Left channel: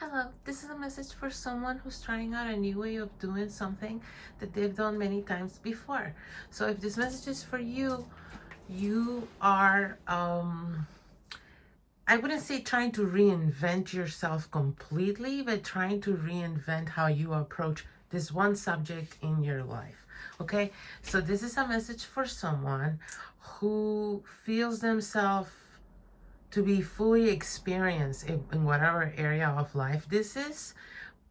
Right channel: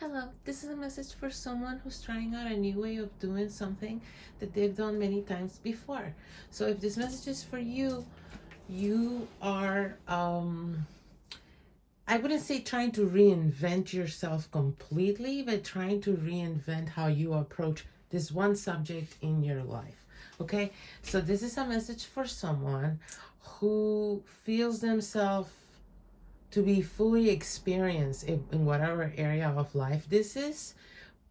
Hello, this is a message for someone who's trying out a new way of doing something that they've done many times before. So if this message is for you, you are, I wouldn't say trying to reinvent yourself completely, but trying to reinvent how you approach this one subject in your life. Okay, so this is a message for someone who feels themselves to be fully experienced in whatever area of life this is,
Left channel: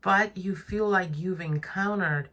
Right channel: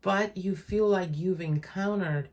but you feel like you've encountered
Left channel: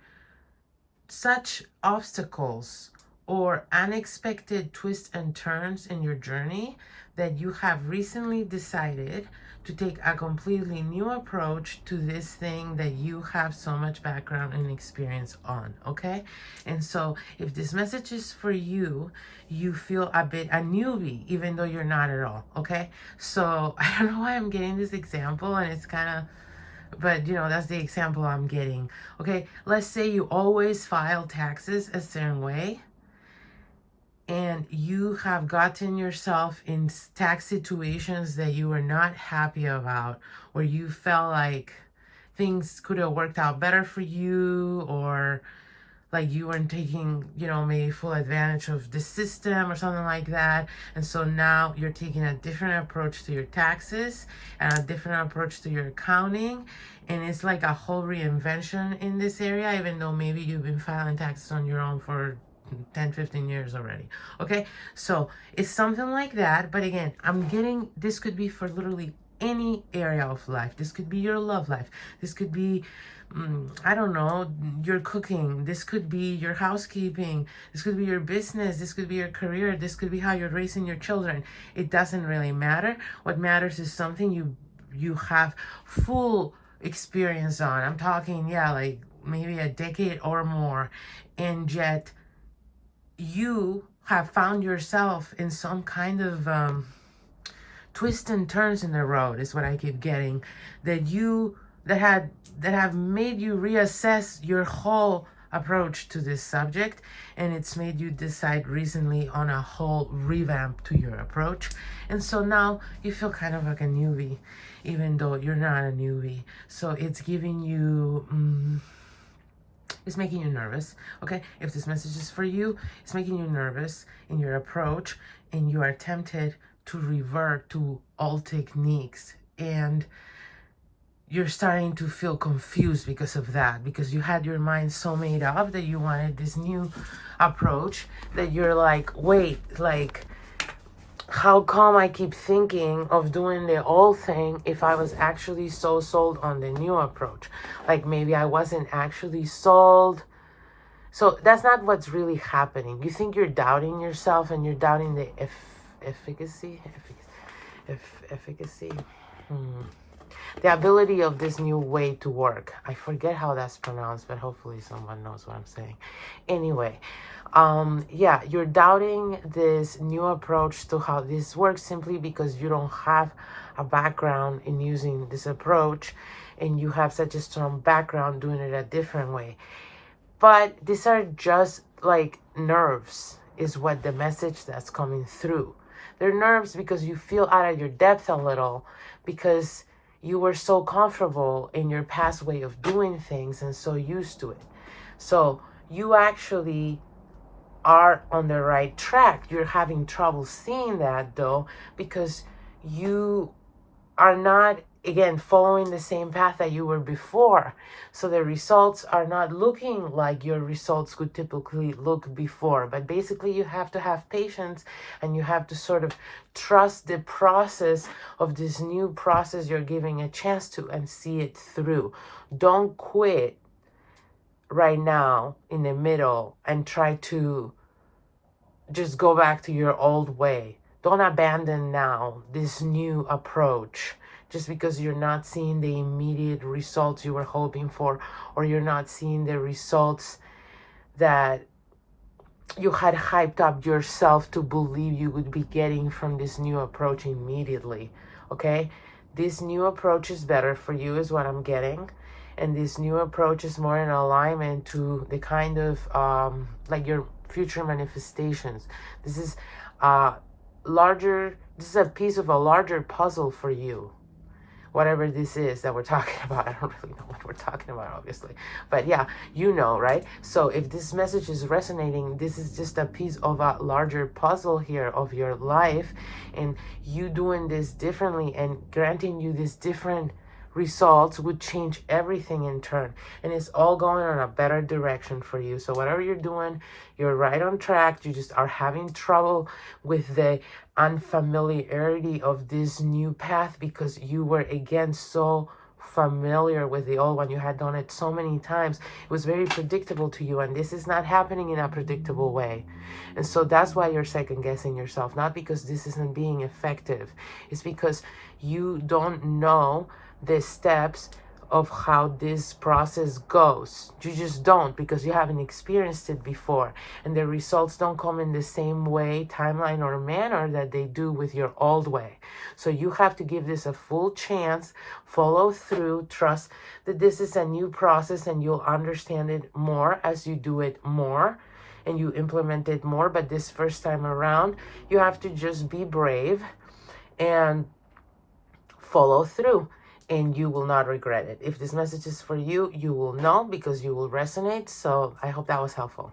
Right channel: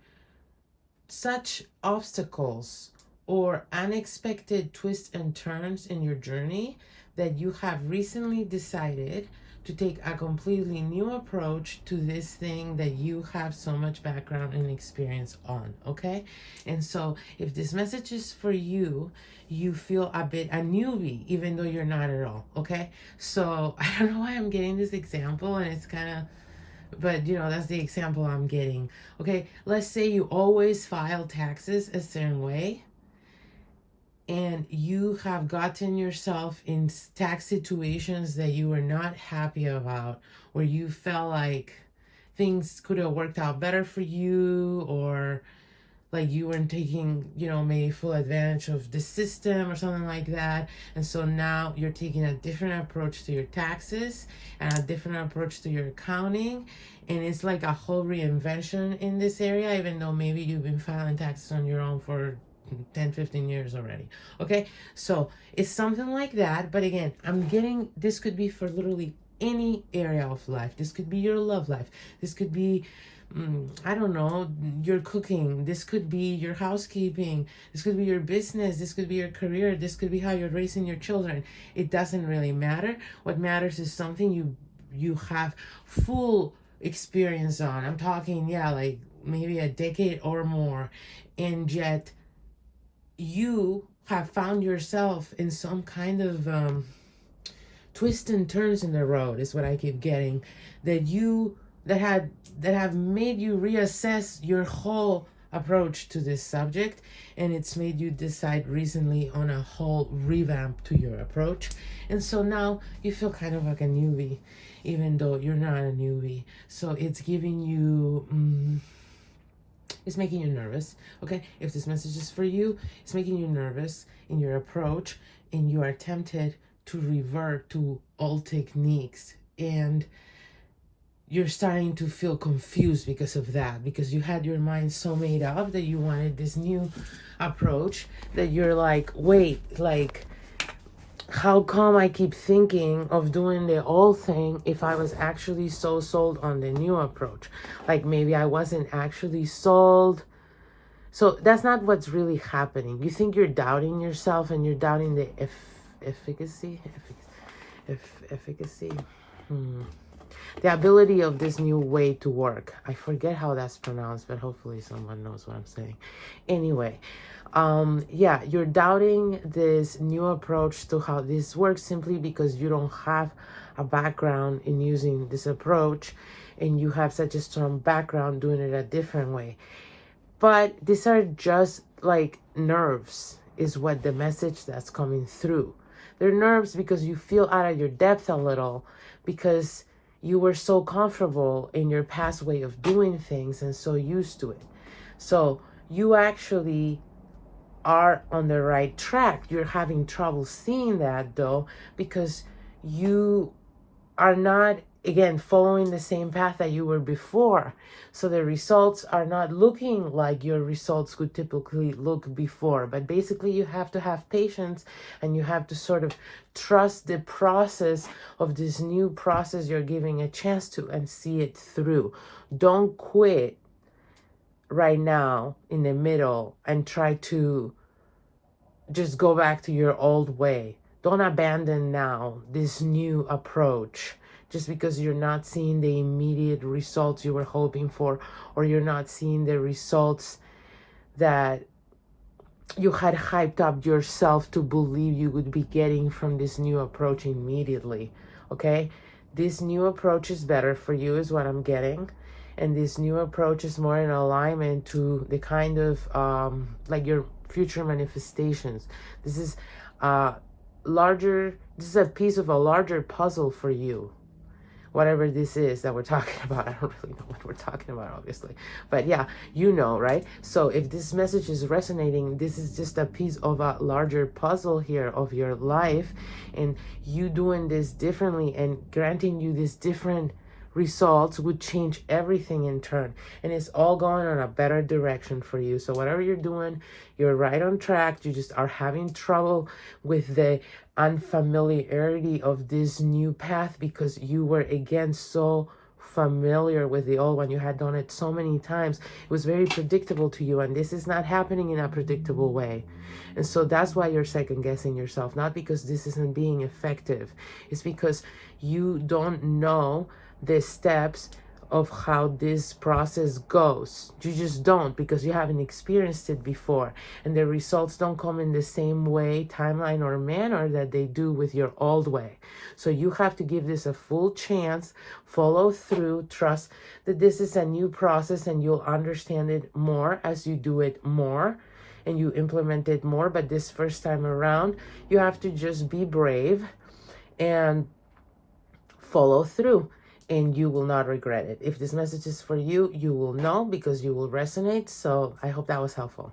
such obstacles or unexpected twists and turns in your journey that you have recently decided to take a completely new approach to this thing that you have so much background and experience on, okay? And so if this message is for you, you feel a bit a newbie, even though you're not at all, okay? So I don't know why I'm getting this example, and it's kind of, but that's the example I'm getting. Okay, let's say you always file taxes a certain way, and you have gotten yourself in tax situations that you were not happy about, where you felt like things could have worked out better for you, or like you weren't taking, maybe full advantage of the system or something like that. And so now you're taking a different approach to your taxes and a different approach to your accounting. And it's like a whole reinvention in this area, even though maybe you've been filing taxes on your own for 10-15 years already. Okay, so it's something like that. But again, I'm getting, this could be for literally any area of life. This could be your love life. This could be I don't know, your cooking. This could be your housekeeping. This could be your business. This could be your career. This could be how you're raising your children. It doesn't really matter. What matters is something you have full experience on. I'm talking, like maybe a decade or more, and yet you have found yourself in some kind of twists and turns in the road, is what I keep getting, that have made you reassess your whole approach to this subject, and it's made you decide recently on a whole revamp to your approach. And so now you feel kind of like a newbie, even though you're not a newbie. So it's giving you it's making you nervous. Okay, if this message is for you, it's making you nervous in your approach, and you are tempted to revert to old techniques, and you're starting to feel confused because of that, because you had your mind so made up that you wanted this new approach, that you're like, wait, like, how come I keep thinking of doing the old thing if I was actually so sold on the new approach? Like, maybe I wasn't actually sold. So that's not what's really happening. You think you're doubting yourself, and you're doubting the efficacy. The ability of this new way to work. I forget how that's pronounced, but hopefully someone knows what I'm saying. Anyway, you're doubting this new approach to how this works simply because you don't have a background in using this approach, and you have such a strong background doing it a different way. But these are just like nerves, is what the message that's coming through. They're nerves because you feel out of your depth a little, because you were so comfortable in your past way of doing things and so used to it. So you actually are on the right track. You're having trouble seeing that, though, because you are not, again, following the same path that you were before. So the results are not looking like your results could typically look before. But basically, you have to have patience, and you have to sort of trust the process of this new process you're giving a chance to, and see it through. Don't quit right now in the middle and try to just go back to your old way. Don't abandon now this new approach just because you're not seeing the immediate results you were hoping for, or you're not seeing the results that you had hyped up yourself to believe you would be getting from this new approach immediately. Okay, this new approach is better for you, is what I'm getting. And this new approach is more in alignment to the kind of like your future manifestations. This is this is a piece of a larger puzzle for you, whatever this is that we're talking about. I don't really know what we're talking about, obviously. But yeah, you know, right? So if this message is resonating, this is just a piece of a larger puzzle here of your life, and you doing this differently and granting you this different results would change everything in turn, and it's all going in a better direction for you. So whatever you're doing, you're right on track. You just are having trouble with the unfamiliarity of this new path because you were again so familiar with the old one. You had done it so many times. It was very predictable to you, and this is not happening in a predictable way. And so that's why you're second guessing yourself, not because this isn't being effective. It's because you don't know the steps of how this process goes. You just don't, because you haven't experienced it before, and the results don't come in the same way, timeline, or manner that they do with your old way. So you have to give this a full chance, follow through, trust that this is a new process, and you'll understand it more as you do it more and you implement it more. But this first time around, you have to just be brave and follow through, and you will not regret it. If this message is for you, you will know, because you will resonate. So I hope that was helpful.